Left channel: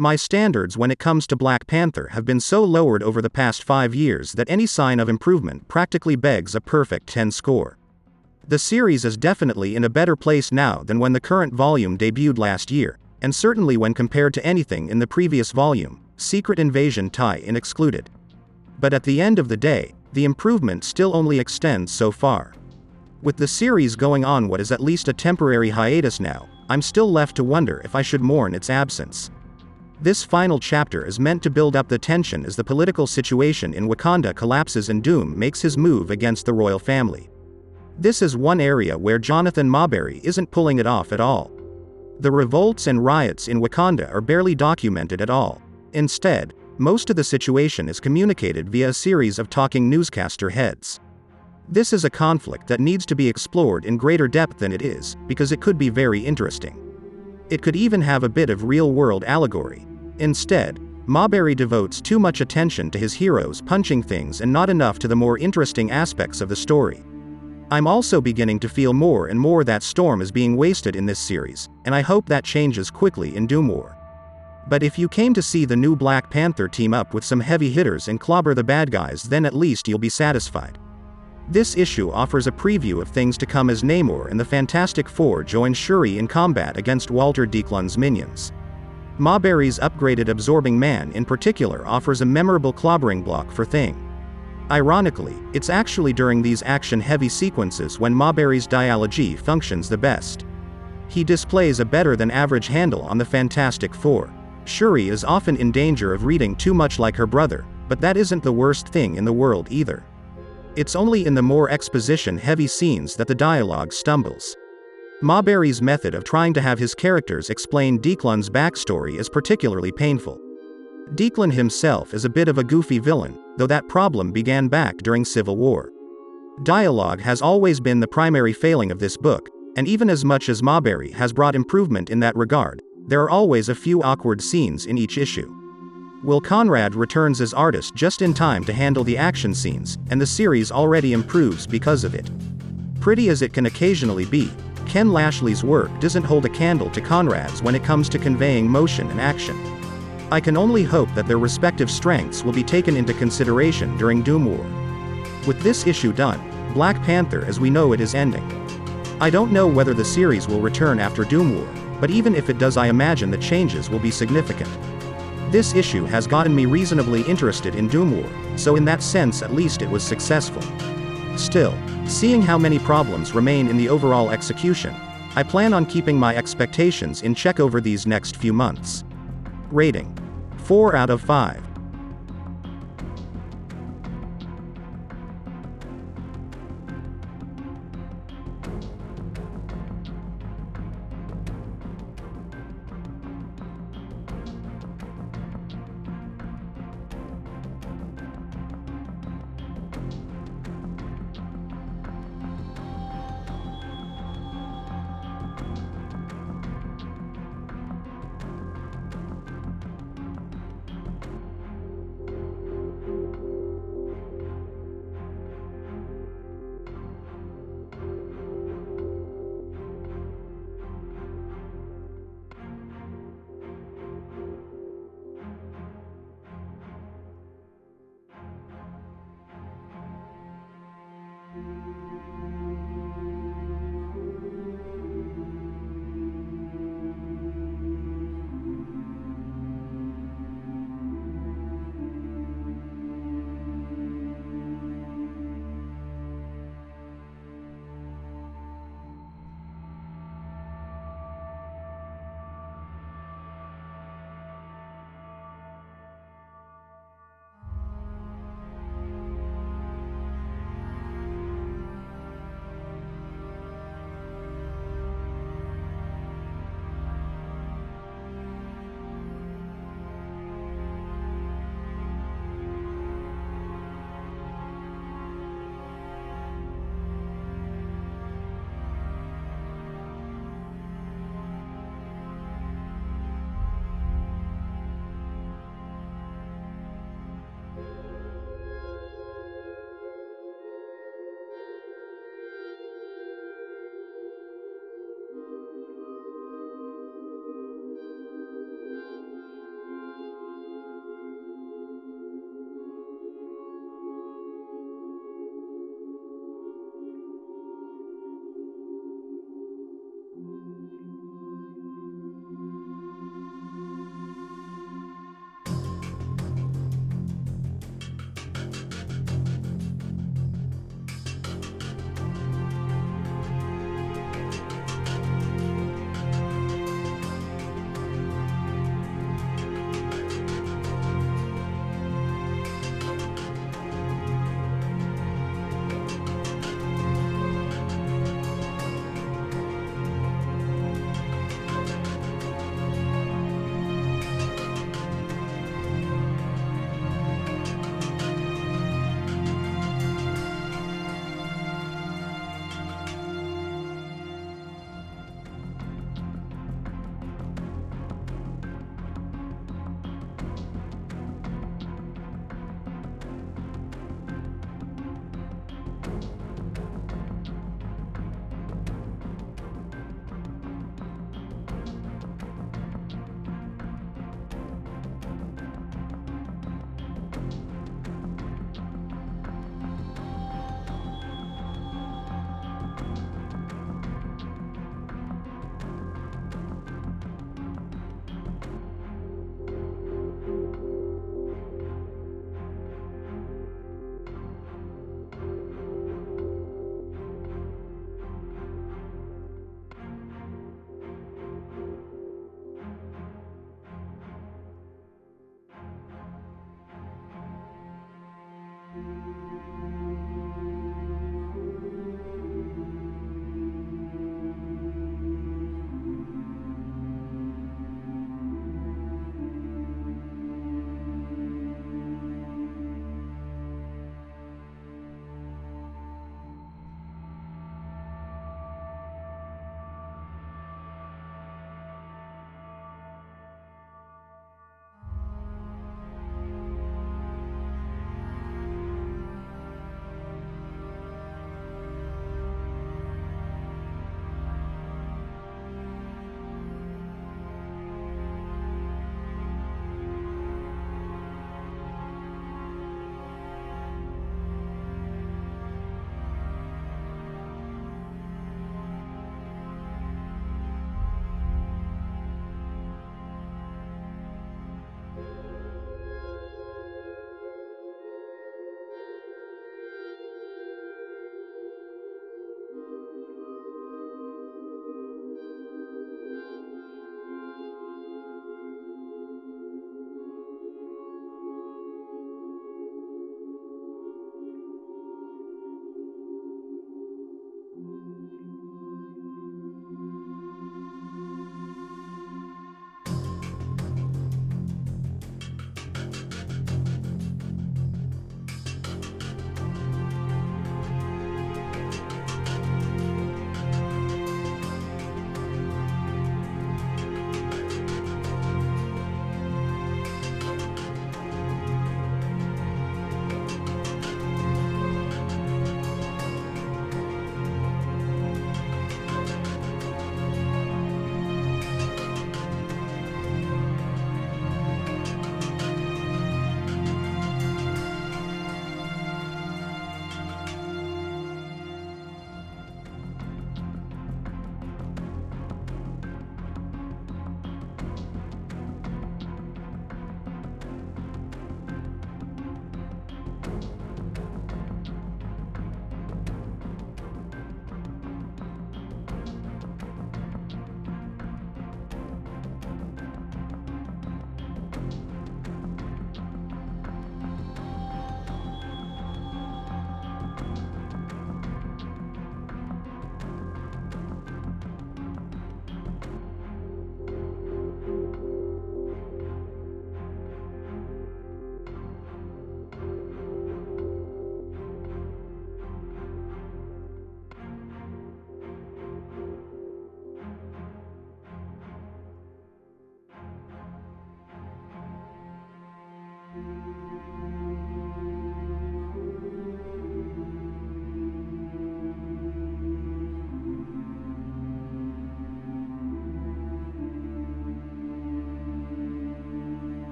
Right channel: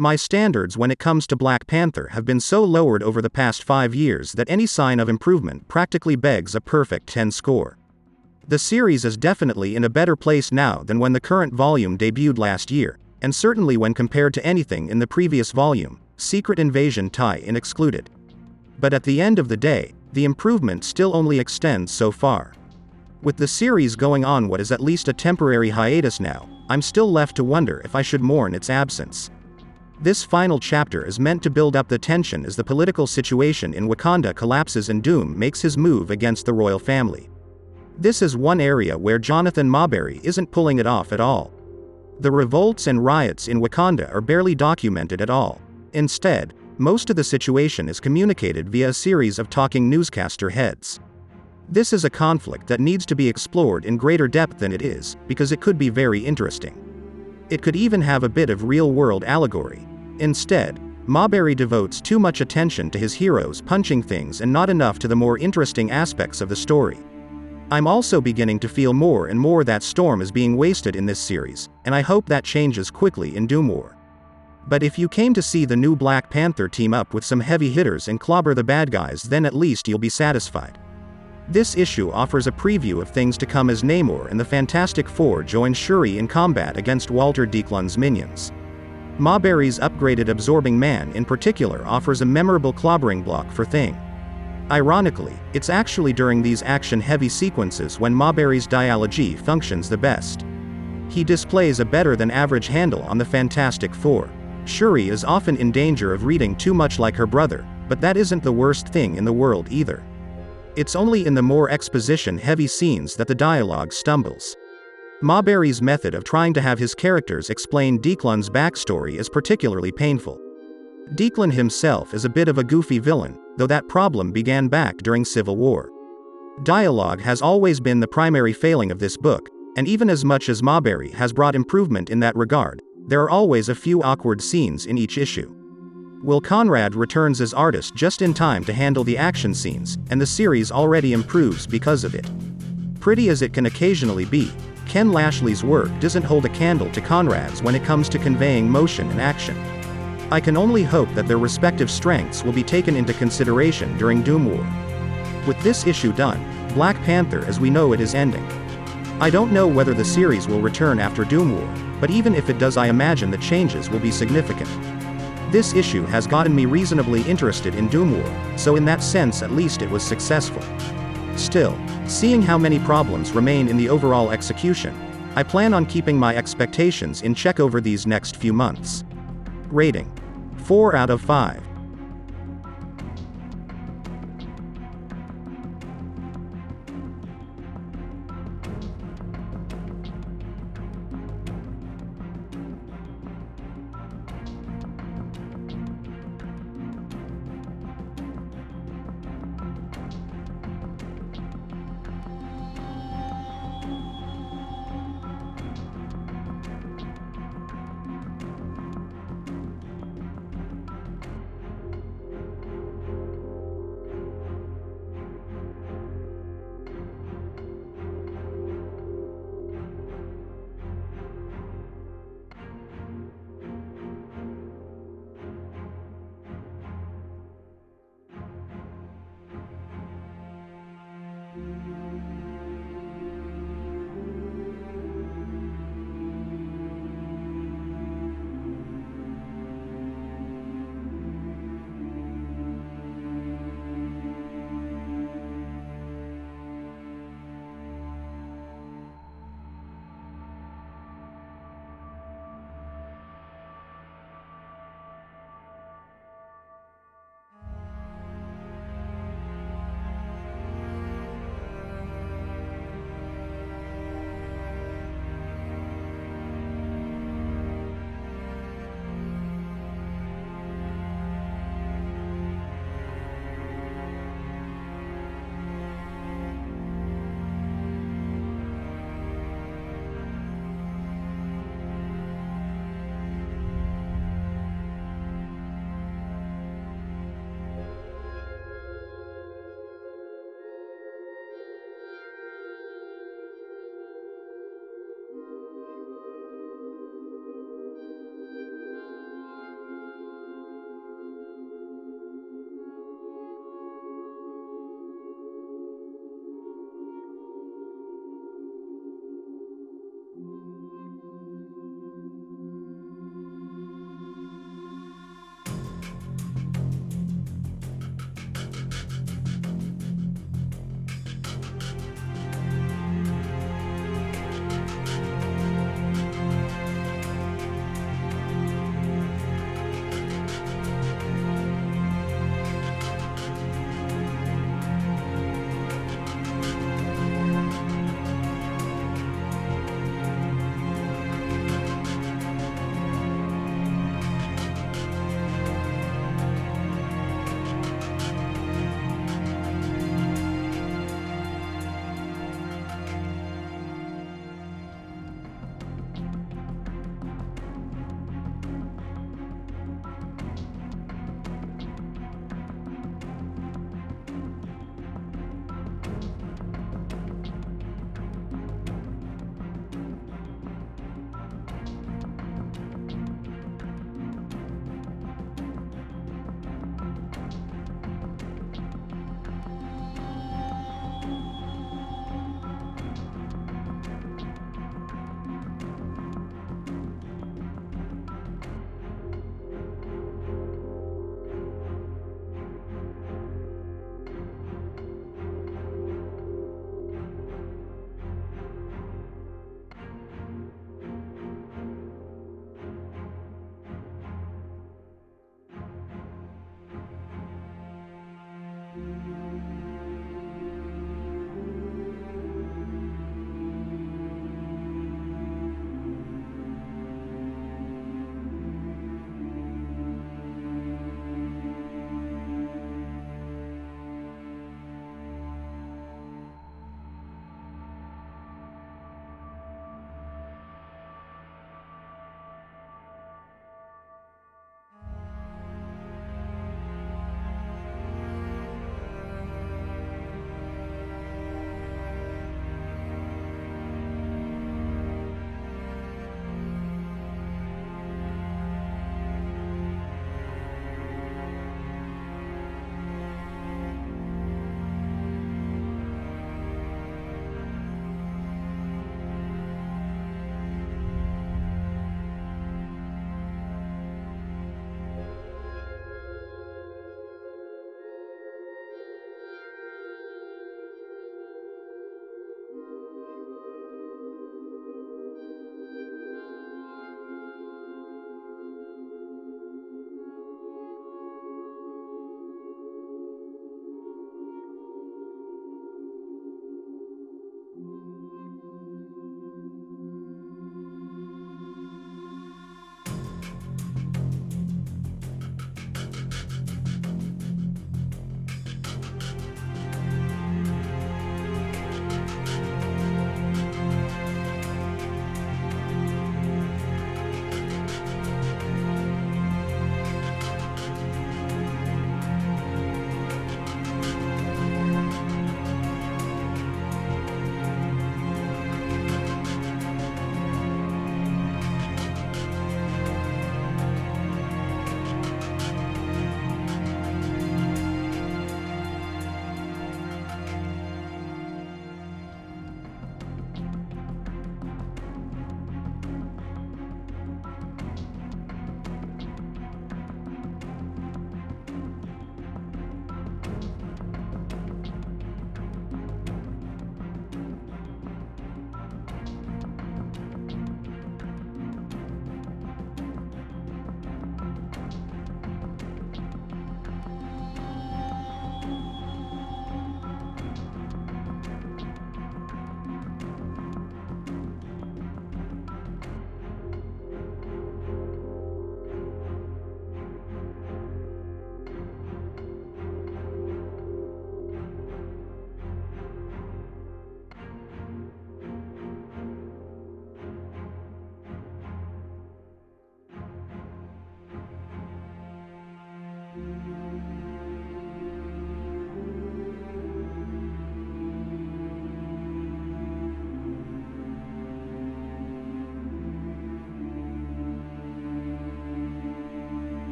My standards when it comes to Black Panther have been so lowered over the past 5 years that any sign of improvement practically begs a perfect 10 score. The series is definitely in a better place now than when the current volume debuted last year, and certainly when compared to anything in the previous volume, Secret Invasion tie-in excluded. But at the end of the day, the improvement still only extends so far. With the series going on what is at least a temporary hiatus now, I'm still left to wonder if I should mourn its absence. This final chapter is meant to build up the tension as the political situation in Wakanda collapses and Doom makes his move against the royal family. This is one area where Jonathan Maberry isn't pulling it off at all. The revolts and riots in Wakanda are barely documented at all. Instead, most of the situation is communicated via a series of talking newscaster heads. This is a conflict that needs to be explored in greater depth than it is, because it could be very interesting. It could even have a bit of real-world allegory. Instead, Maberry devotes too much attention to his heroes punching things and not enough to the more interesting aspects of the story. I'm also beginning to feel more and more that Storm is being wasted in this series, and I hope that changes quickly in Doomwar. But if you came to see the new Black Panther team up with some heavy hitters and clobber the bad guys, then at least you'll be satisfied. This issue offers a preview of things to come as Namor and the Fantastic Four join Shuri in combat against Walter Declan's minions. Maberry's upgraded Absorbing Man in particular offers a memorable clobbering block for Thing. Ironically, it's actually during these action-heavy sequences when Maberry's dialogy functions the best. He displays a better-than-average handle on the Fantastic Four. Shuri is often in danger of reading too much like her brother, but that isn't the worst thing in the world either. It's only in the more exposition-heavy scenes that the dialogue stumbles. Maberry's method of trying to have his characters explain Declan's backstory is particularly painful. Declan himself is a bit of a goofy villain, though that problem began back during Civil War. Dialogue has always been the primary failing of this book, and even as much as Maberry has brought improvement in that regard, there are always a few awkward scenes in each issue. Will Conrad returns as artist just in time to handle the action scenes, and the series already improves because of it. Pretty as it can occasionally be, Ken Lashley's work doesn't hold a candle to Conrad's when it comes to conveying motion and action. I can only hope that their respective strengths will be taken into consideration during Doomwar. With this issue done, Black Panther as we know it is ending. I don't know whether the series will return after Doomwar, but even if it does, I imagine the changes will be significant. This issue has gotten me reasonably interested in Doomwar, so in that sense at least it was successful. Still, seeing how many problems remain in the overall execution, I plan on keeping my expectations in check over these next few months. Rating: 4 out of 5.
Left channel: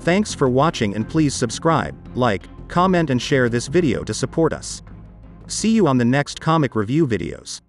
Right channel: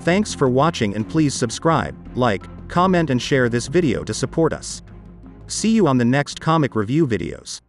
Thanks for watching and please subscribe, like, comment and share this video to support us. See you on the next comic review videos.